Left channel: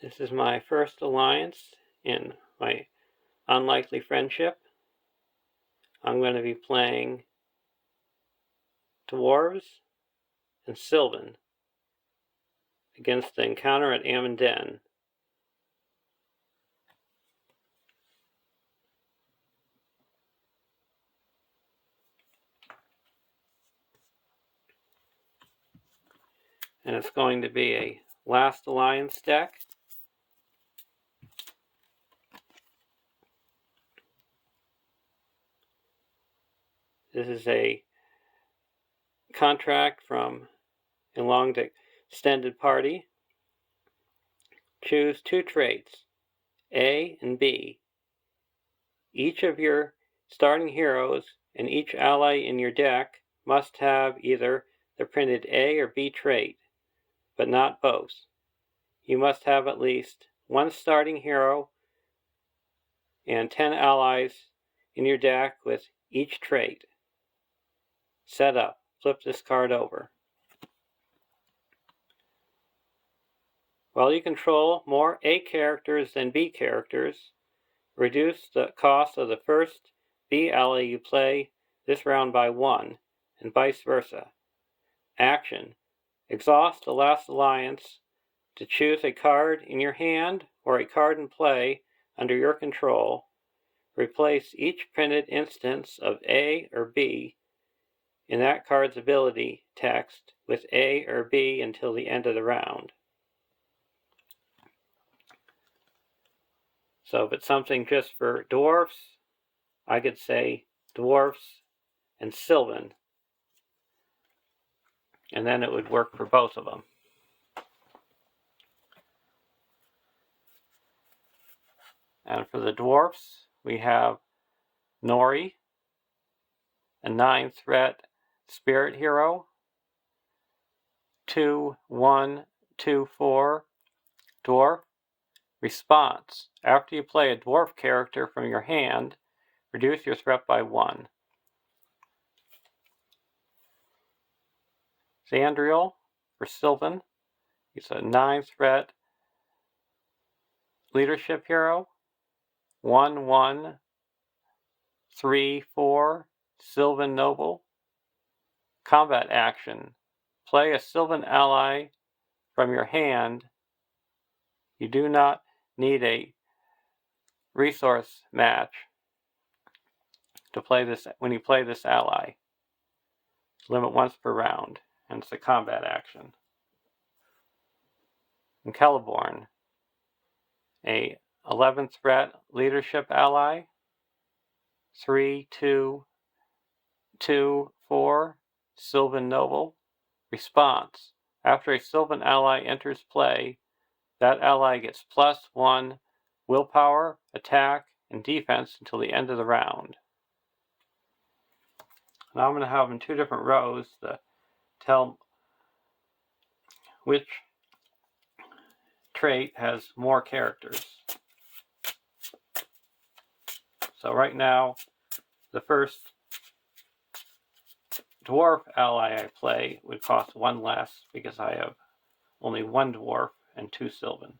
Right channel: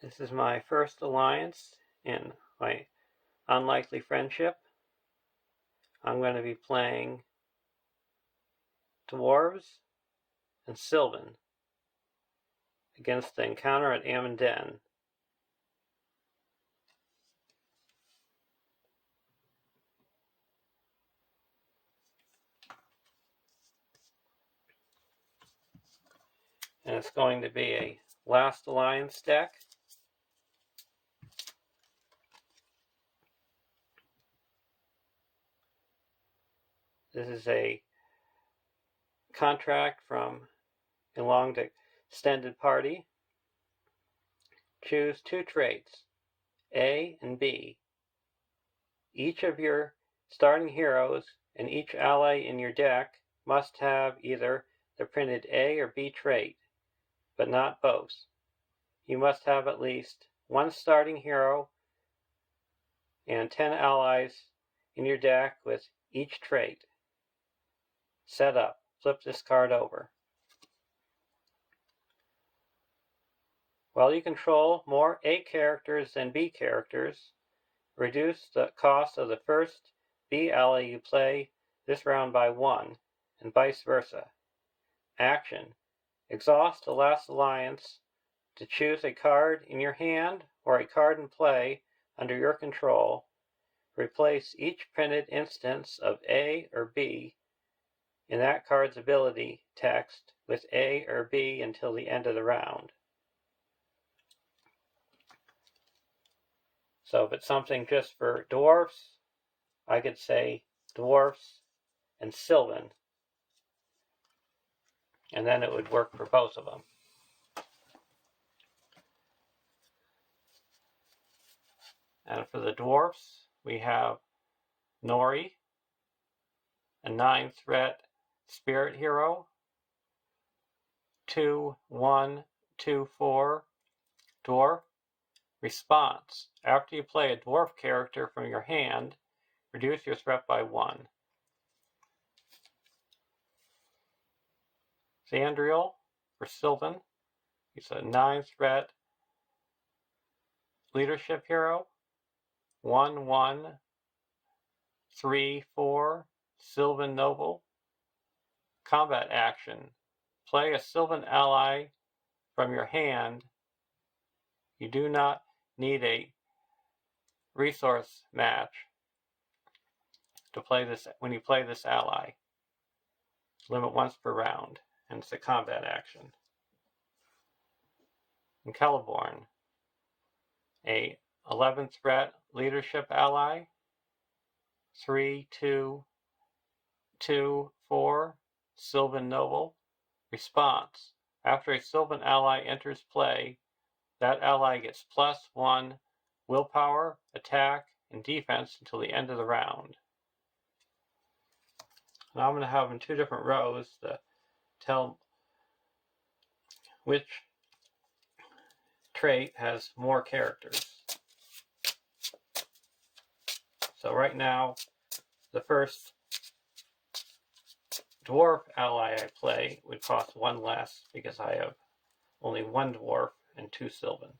This is my first alliance in my unlikely friendship. I'm going to be playing Dwarves and Silvan against the encounter at Amon Din. And it's going to be a last alliance deck. This is a contract from a long extended party. Choose two traits, A and B. Each of your starting heroes and each ally in your deck must have either the printed A or B trait, but not both. You must have at least one starting hero and 10 allies in your deck with each trait. Setup. Flip this card over. While you control more A characters than B characters, reduce the cost of the first B ally you play this round by 1, and vice versa. Action. Exhaust the last alliance to choose a card in your hand or a card in play under your control. Replace each printed instance of A or B in that card's ability text with A or B until the end of the round. So if it's something just for dwarfs, I could say dwarfs and Silvan, and then it would work for both of them. And for the dwarfs, we have Nori, a 9-threat spirit hero, 2/1/2/4 dwarf. Response. After you play a dwarf character from your hand, reduce your threat by 1. Xandriel for Silvan. He's a 9-threat leadership hero. 1/1/3/4 Silvan Noble. Combat action. Play a Silvan ally from your hand. You do not need a resource match to play this when you play this ally. Limit once per round, and it's a combat action. And Celeborn, a 11th threat leadership ally. 3/2/2/4 Silvan Noble. Response. After a Silvan ally enters play, that ally gets +1 willpower, attack, and defense until the end of the round. Now I'm going to have them in 2 different rows to tell which trait has more characters. So right now, the first dwarf ally I play would cost 1 less because I have only 1 dwarf and 2 Silvan.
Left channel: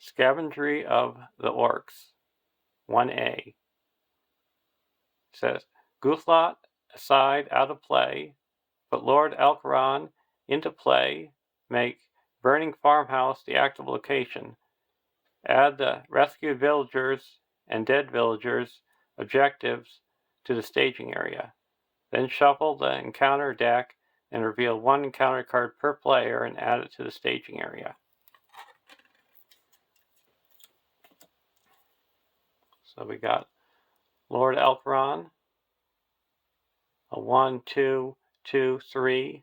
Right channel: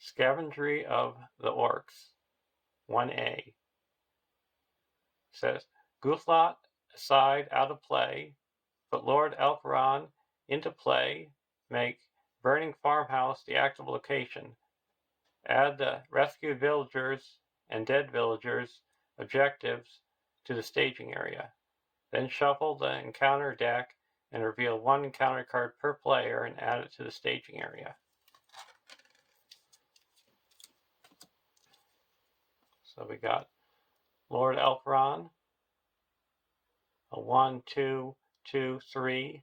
Scavengery of the Orcs, 1A. Says, Guthlot aside out of play, put Lord Alcaron into play, make Burning Farmhouse the active location, add the rescued villagers and dead villagers objectives to the staging area. Then shuffle the encounter deck and reveal 1 encounter card per player and add it to the staging area. So we got Lord Alcaron, a 1/2/2/3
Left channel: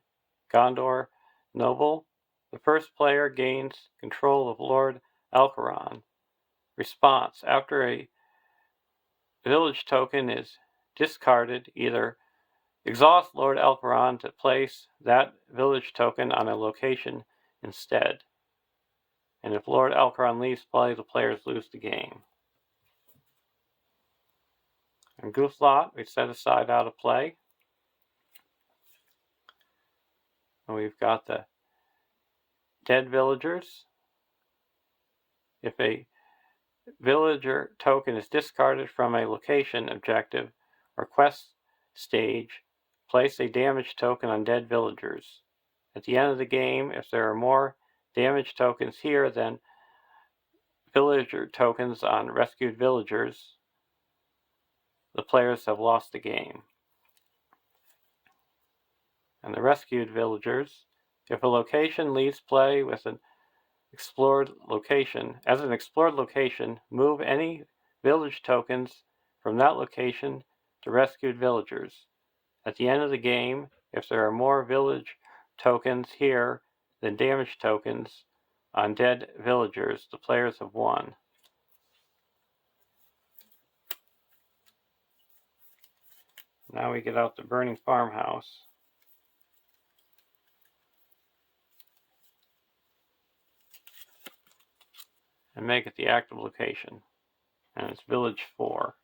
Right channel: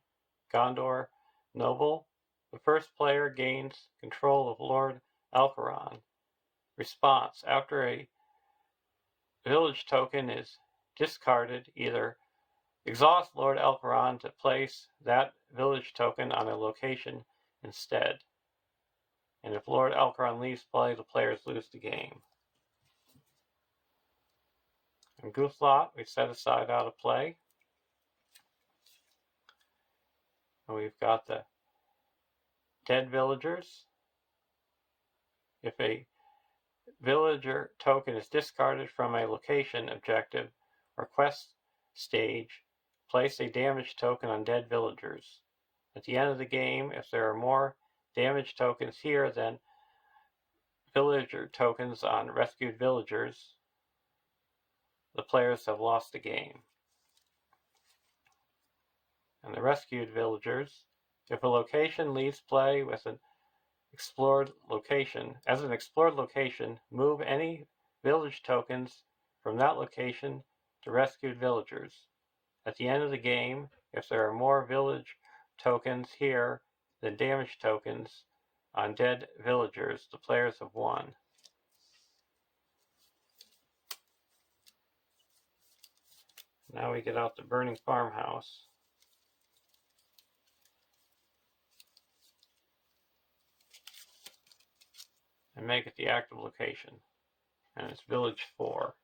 Gondor Noble. The first player gains control of Lord Alcaron. Response. After a village token is discarded, either exhaust Lord Alcaron to place that village token on a location instead. And if Lord Elcaron leaves play, the players lose the game. In Goof Lot, we set a side out of play. And we've got the dead villagers. If a villager token is discarded from a location, objective, or quest stage, place a damage token on dead villagers. At the end of the game, if there are more damage tokens here than villager tokens on rescued villagers, the players have lost the game. And the rescued villagers, if a location leaves play with an explored location, as an explored location, move any village tokens from that location to rescued villagers. At the end of the game, if there are more village tokens here than damage tokens on dead villagers, the players have won. Now we get out the burning farmhouse and make it the active location, and it's village 4.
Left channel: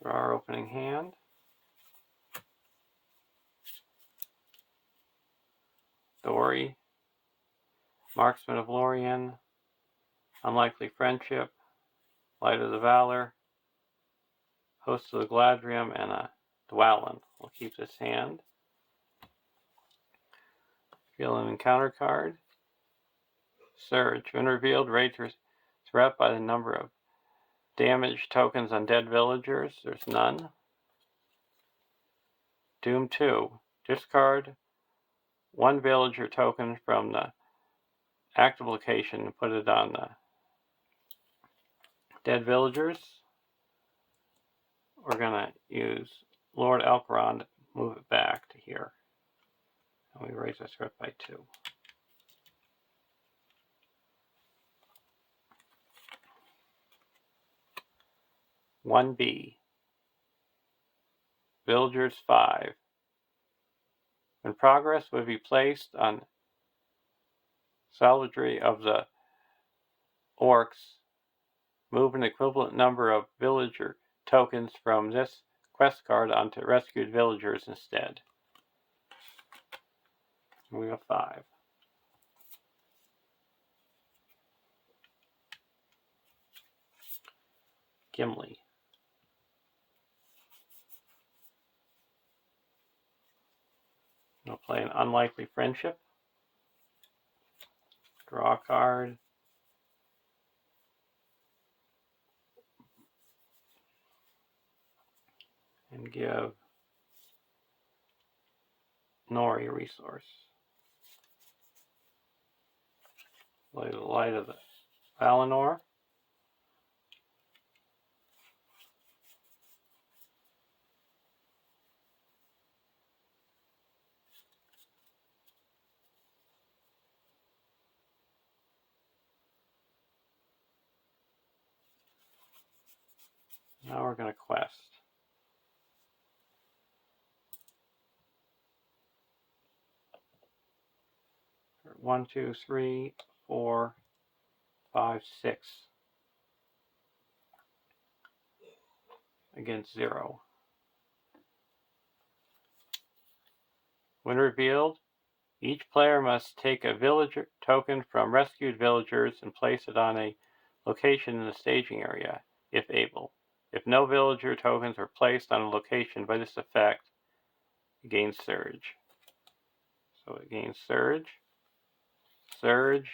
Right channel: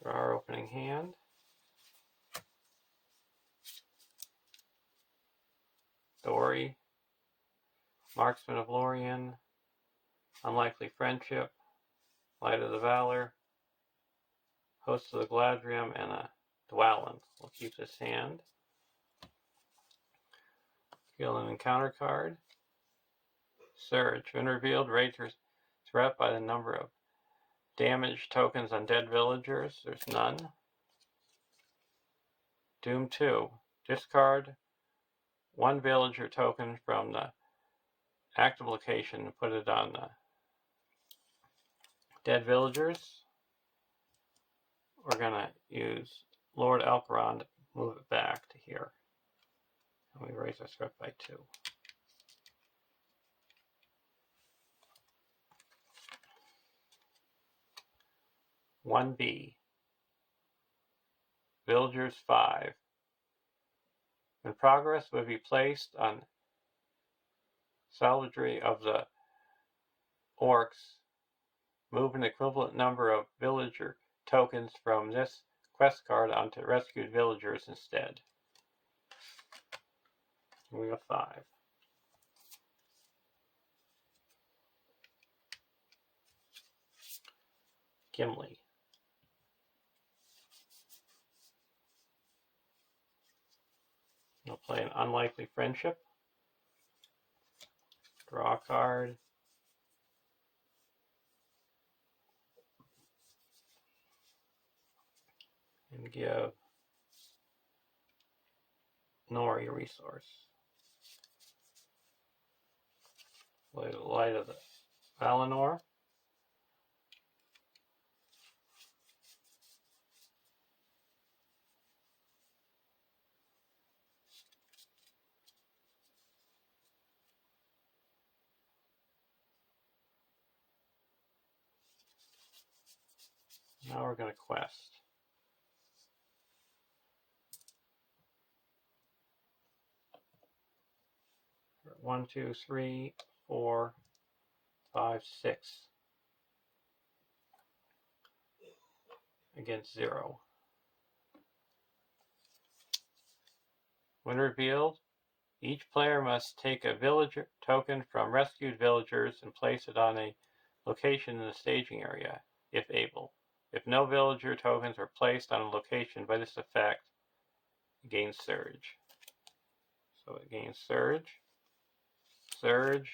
Draw our opening hand. Dory, Marksman of Lorien, Unlikely Friendship, Light of the Valor, Host of the Gladrium, and a Dwalin. We'll keep this hand. Reveal an encounter card. Surge. When revealed, rate your threat by the number of damage tokens on dead villagers. There's none. Doom 2. Discard one villager token from the active location and put it on the dead villagers. We're going to use Lord Elcaron to move it back to here. And we raise our threat by 2. One B. Villagers 5. When progress would be placed on salvatory of the orcs, move an equivalent number of villager tokens from this quest card onto rescued villagers instead. We have 5. Gimli. We'll play an Unlikely Friendship. Draw a card. And give Nori a resource. Play the Light of the Valinor. Now we're going to quest. 1, 2, 3, 4, 5, 6 against 0. When revealed, each player must take a villager token from rescued villagers and place it on a location in the staging area, if able. If no villager tokens are placed on a location by this effect, it gains Surge. So it gains Surge, Surge,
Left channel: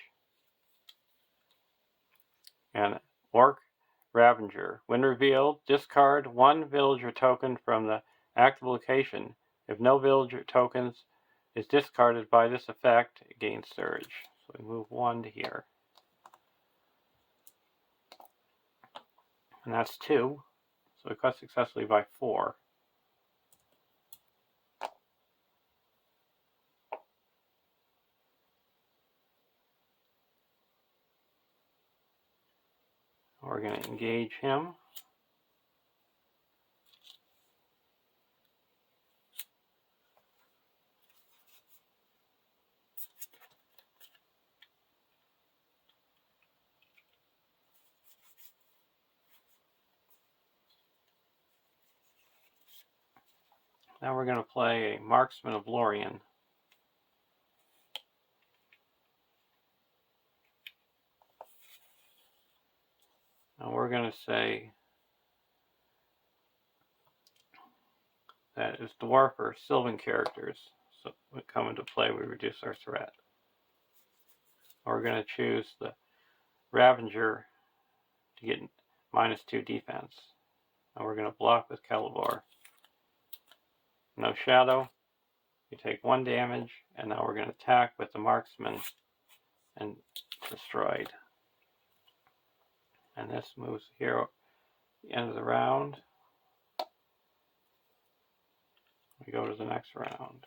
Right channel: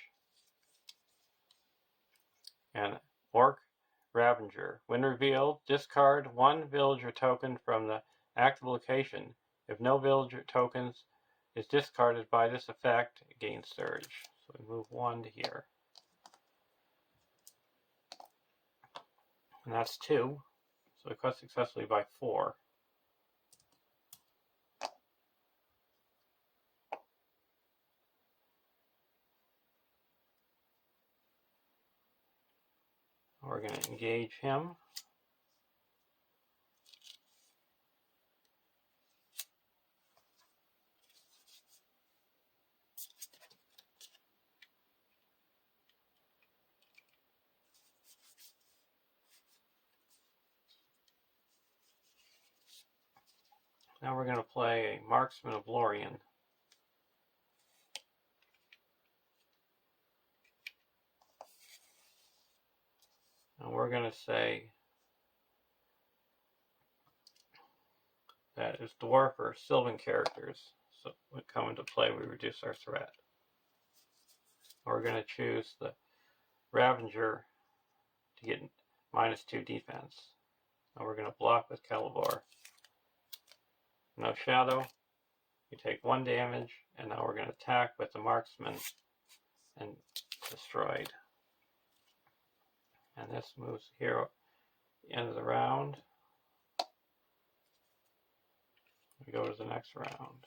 and Orc Ravager. When revealed, discard one villager token from the active location. If no villager tokens is discarded by this effect, it gains Surge. So we move 1 to here. And that's 2. So we cut successfully by 4. We're going to engage him. Now we're going to play a Marksman of Lorien. And we're going to say that as dwarf or Silvan characters so we come into play, we reduce our threat. We're going to choose the Ravager to get -2 defense. And we're going to block with Calibar. No shadow. You take 1 damage, and now we're going to attack with the Marksman and destroyed. And this moves here at the end of the round. We go to the next round.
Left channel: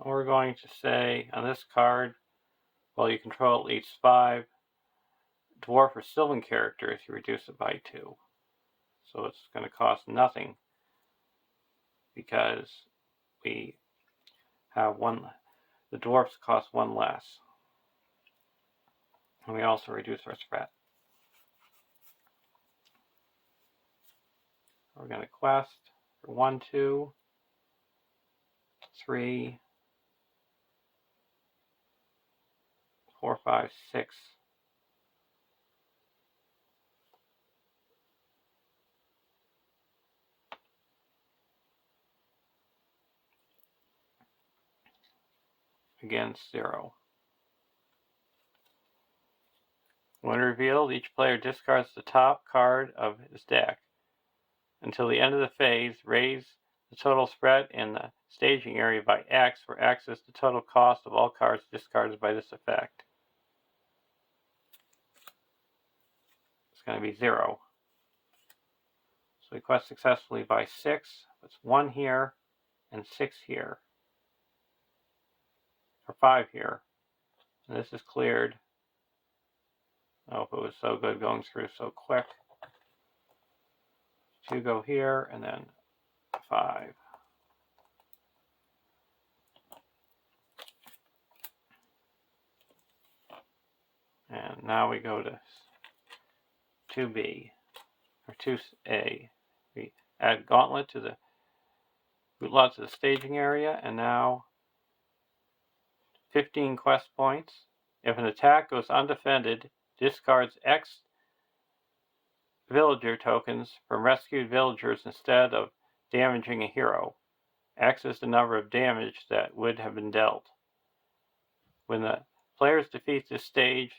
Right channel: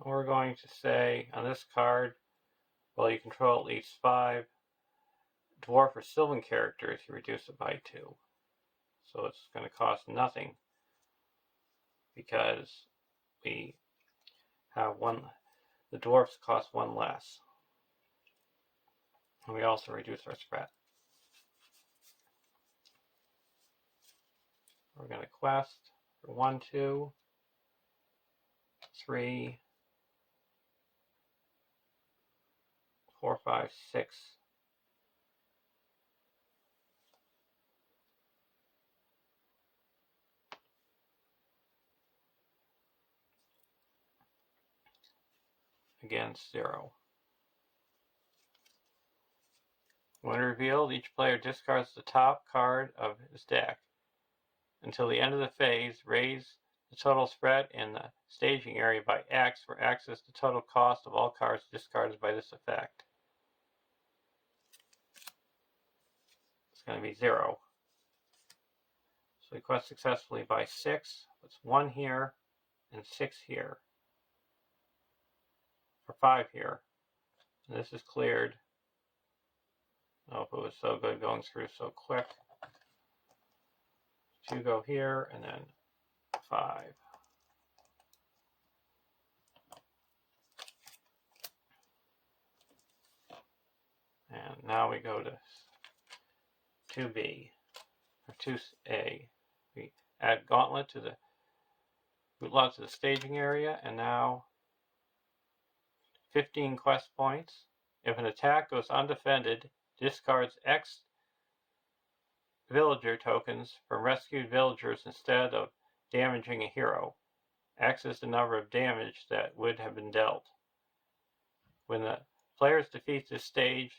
And we're going to say on this card, while you control at least 5 dwarf or Silvan characters, you reduce it by 2. So it's going to cost nothing because we have 1. The dwarfs cost 1 less. And we also reduce our threat. We're going to quest for 1, 2, 3, 4, 5, 6. Against 0. When revealed, each player discards the top card of his deck. Until the end of the phase, raise the total spread in the staging area by X, where X is the total cost of all cards discarded by this effect. It's going to be 0. So we quest successfully by 6. It's 1 here and 6 here. Or 5 here. And this is cleared. Oh, if it was so good going through so quick. 2 go here, and then 5. And now we go to 2B, or 2A. We add Gauntlet to the root lot to the staging area, and now 15 quest points. If an attack goes undefended, discards X villager tokens from rescued villagers instead of damaging a hero. X is the number of damage that would have been dealt. When the players defeat this stage,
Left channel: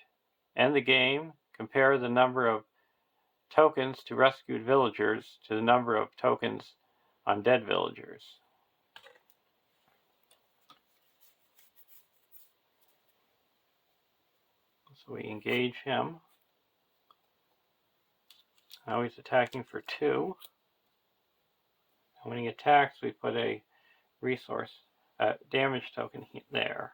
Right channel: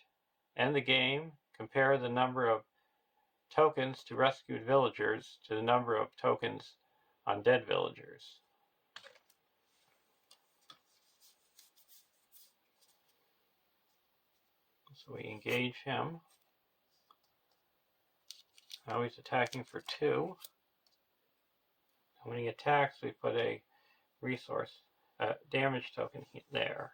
end the game, compare the number of tokens to rescued villagers to the number of tokens on dead villagers. So we engage him. Now he's attacking for 2. And when he attacks, we put a resource, damage token there.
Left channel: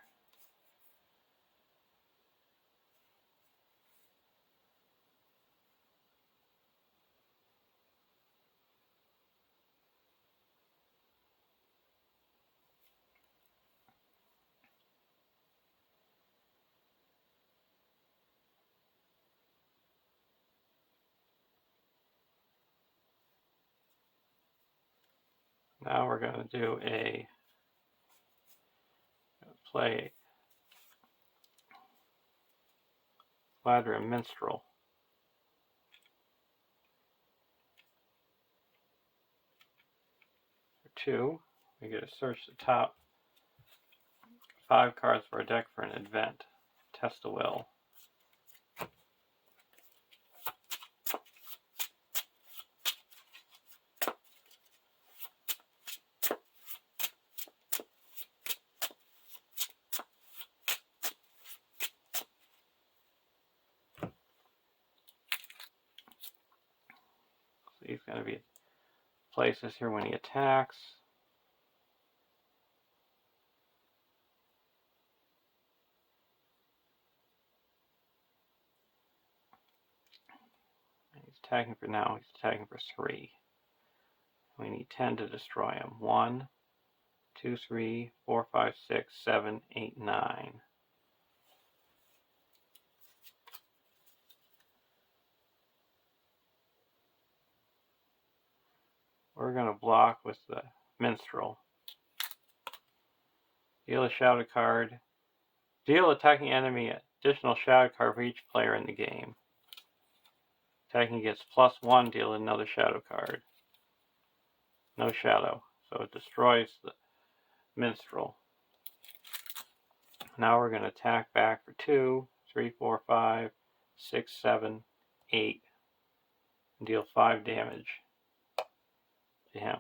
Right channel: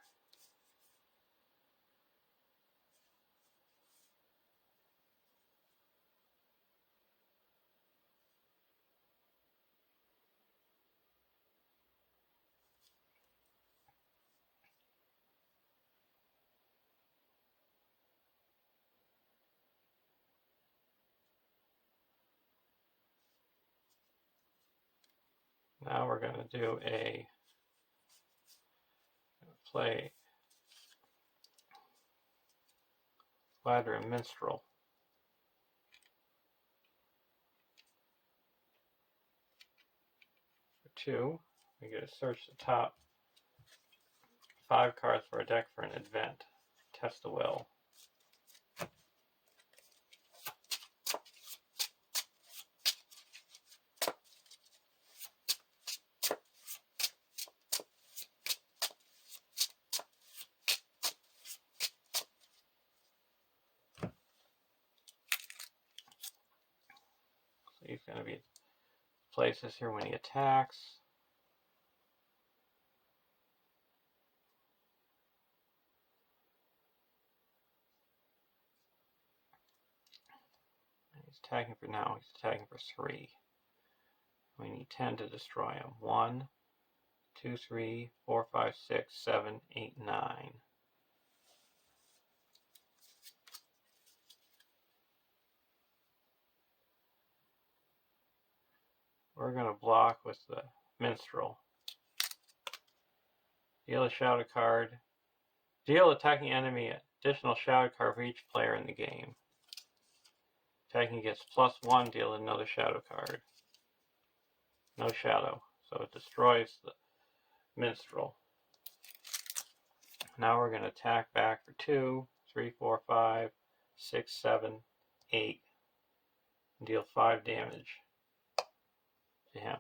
Now we're going to do play Ladder and Minstrel. For 2, we get to search the top 5 cards for a deck for an event. Test the will. So he's going to be places here when he attacks. He's attacking for now. He's attacking for 3. We need 10 to destroy him. 1, 2, 3, 4, 5, 6, 7, 8, 9. We're going to block with the Minstrel. Deal a shadow card. Deal attacking enemy additional shadow card for each player in the game. Attacking gets +1, deal another shadow card. No shadow, so it destroys the Minstrel. Now we're going to attack back for 2, 3, 4, 5, 6, 7, 8. And deal 5 damage to him.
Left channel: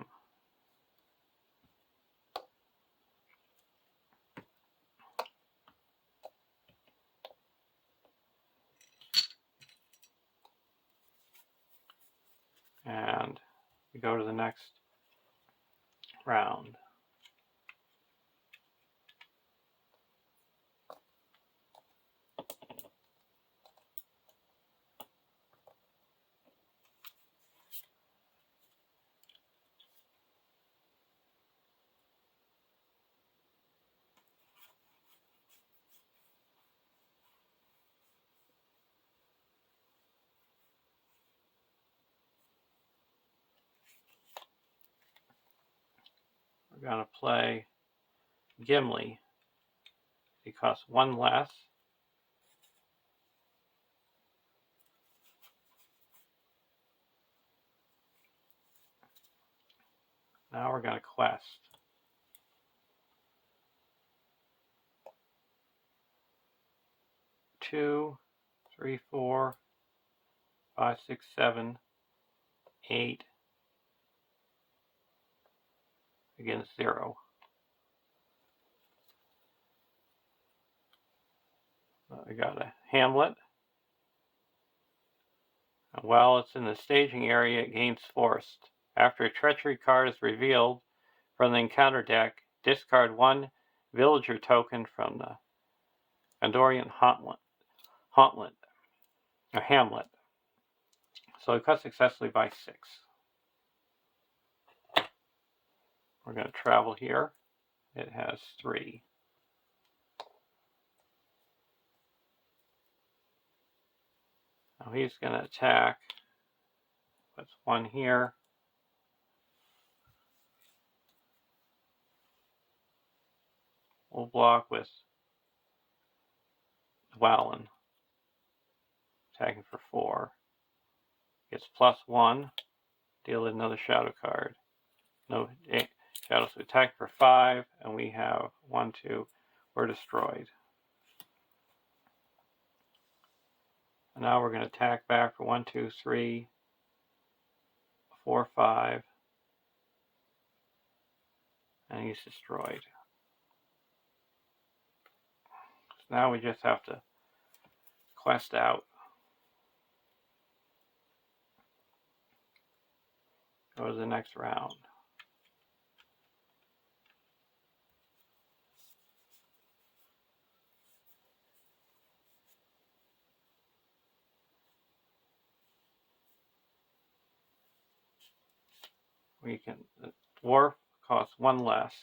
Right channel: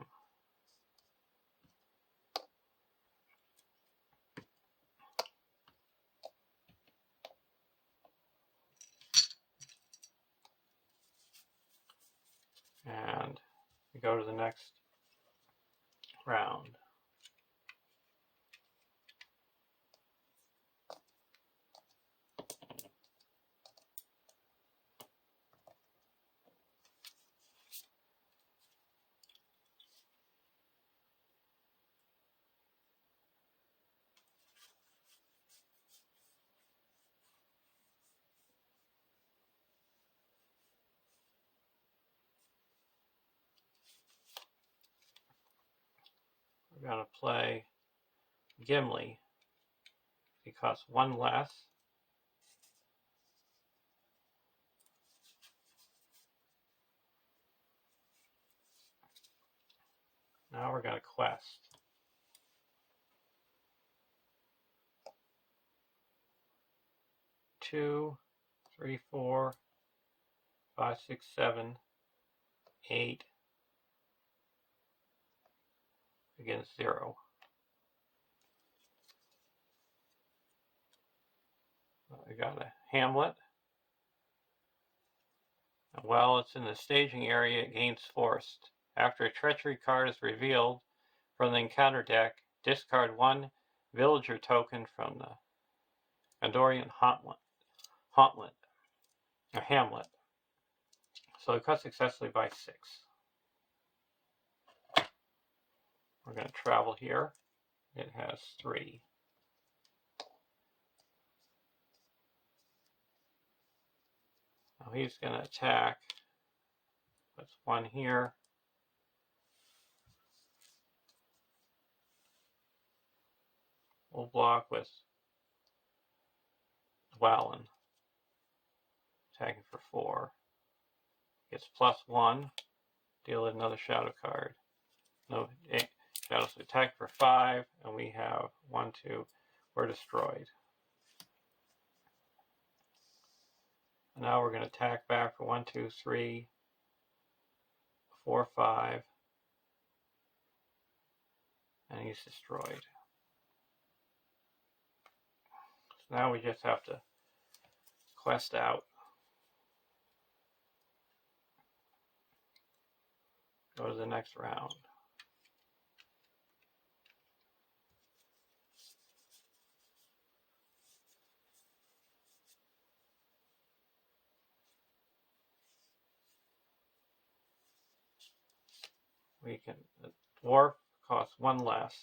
And we go to the next round. We're going to play Gimli. He costs 1 less. Now we're going to quest. 2, 3, 4, 5, 6, 7, 8 against 0. We got a Hamlet. While it's in the staging area, it gains Forced. After a treachery card is revealed from the encounter deck, discard 1 villager token from the Andorian Hamlet. So it cuts successfully by 6. We're going to travel here. It has 3. Now he's going to attack. Puts 1 here. We'll block with Dwalin. Attacking for 4. Gets +1. Deal another shadow card. No shadows. So attack for 5, and we have 1, 2. We're destroyed. And now we're going to attack back for 1, 2, 3, 4, 5. And he's destroyed. So now we just have to quest out. Go to the next round. The dwarf costs 1 less.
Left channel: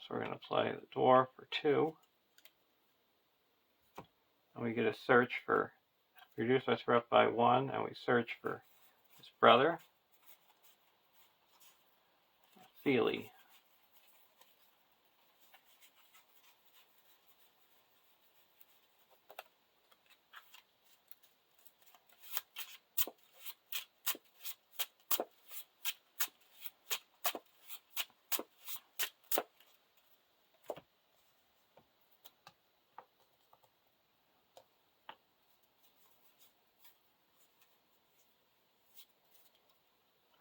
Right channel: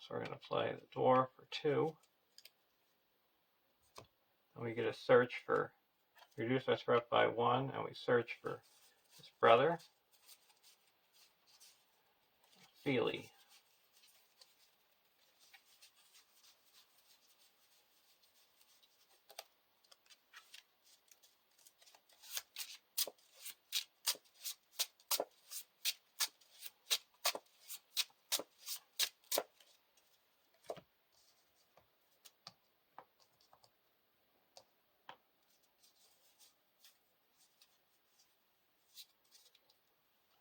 So we're going to play the dwarf for 2. And we get a search for, reduce my threat by 1, and we search for his brother. Feely.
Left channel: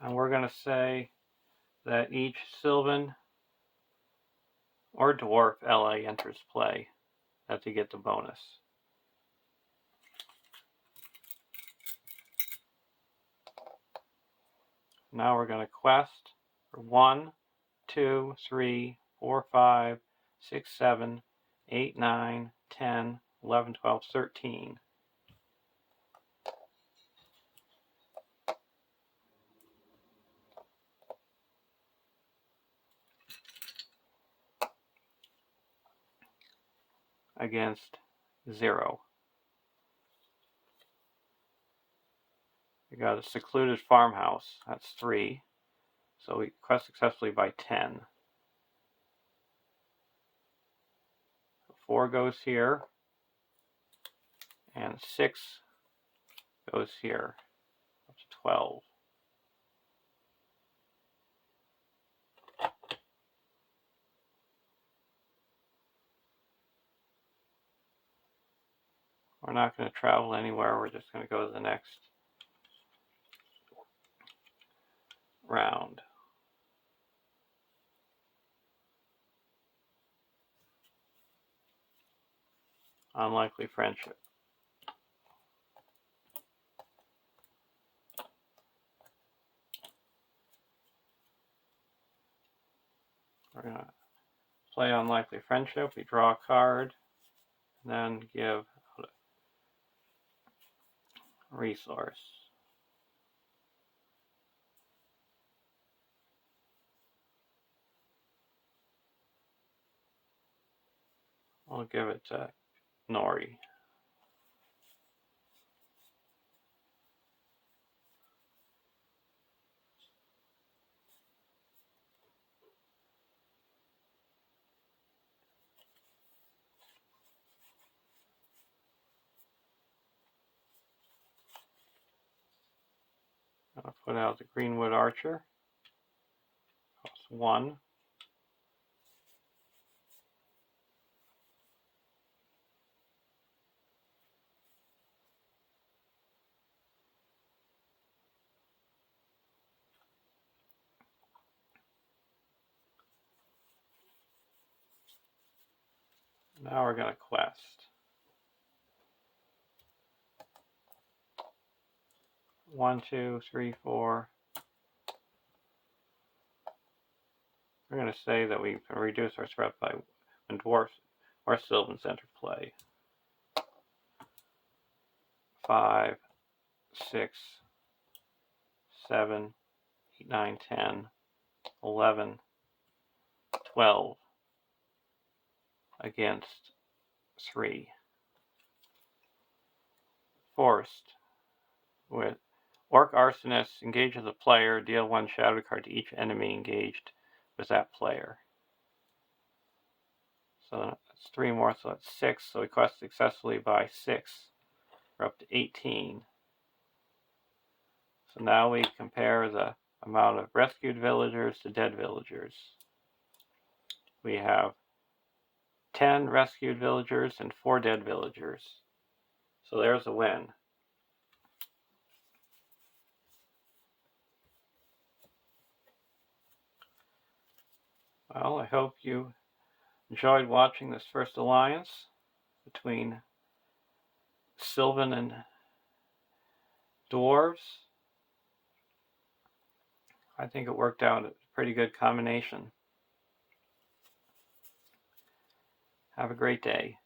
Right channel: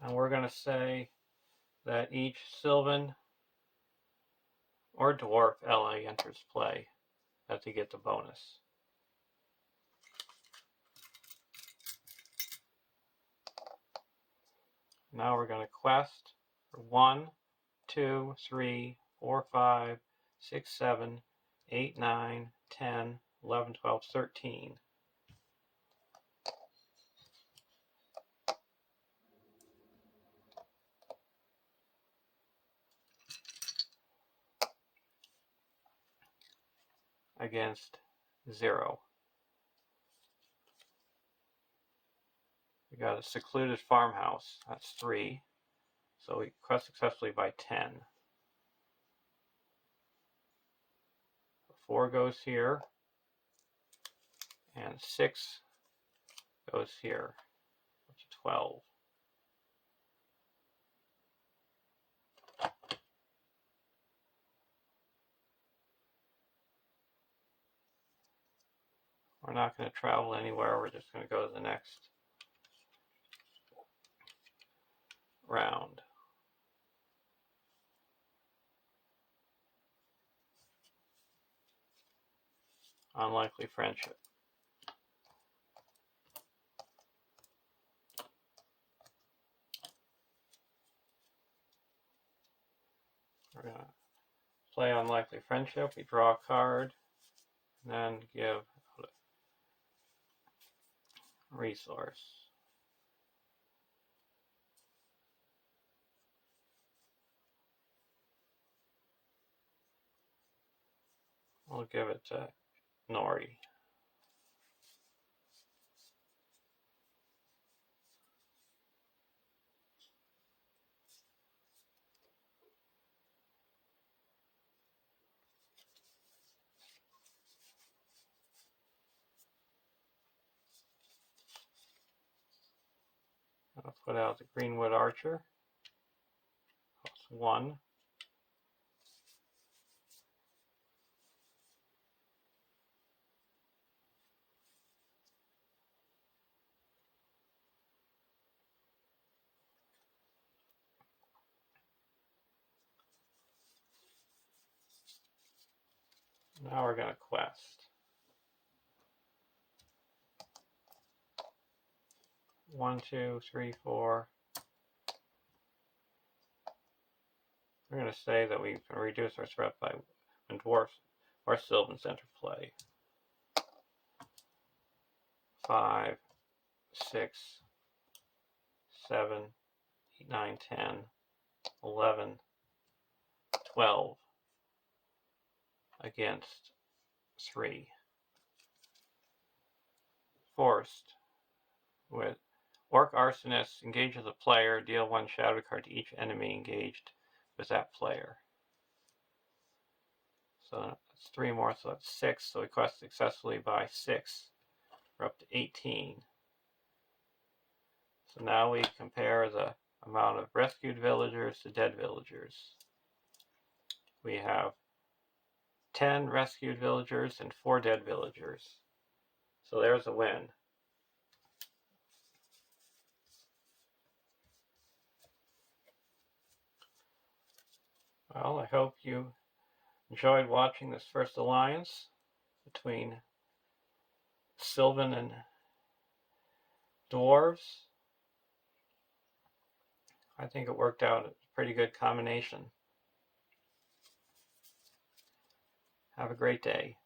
And we're going to say that each Silvan or Dwarf LA enters play to get the bonus. Now we're going to quest for 1, 2, 3, 4, 5, 6, 7, 8, 9, 10, 11, 12, 13. Against 0. We got a secluded farmhouse. That's 3. So we quest successfully by 10. 4 goes here. And 6 goes here. That's 12. We're not going to travel anywhere. We're just going to go to the next round. Unlikely friendship. We're going to play unlikely friendship. We draw a card, and then give a resource. We'll give it to Nori. I'll put out the Greenwood Archer. Costs 1. Now we're going to quest. 1, 2, 3, 4. We're going to say that we can reduce our threat by when Dwarfs or Silvans enter play. 5, 6, 7, 8, 9, 10, 11, 12 against 3. Forced. With Orc Arsonist engages a player, deal 1 shadow card to each enemy engaged with that player. So that's 3 more, so that's 6. So we quest successfully by 6. We're up to 18. So now we compare the amount of rescued villagers to dead villagers. We have 10 rescued villagers and 4 dead villagers. So there's a win. Well, I hope you enjoyed watching this first alliance between Silvan and Dwarves. I think it worked out a pretty good combination. Have a great day.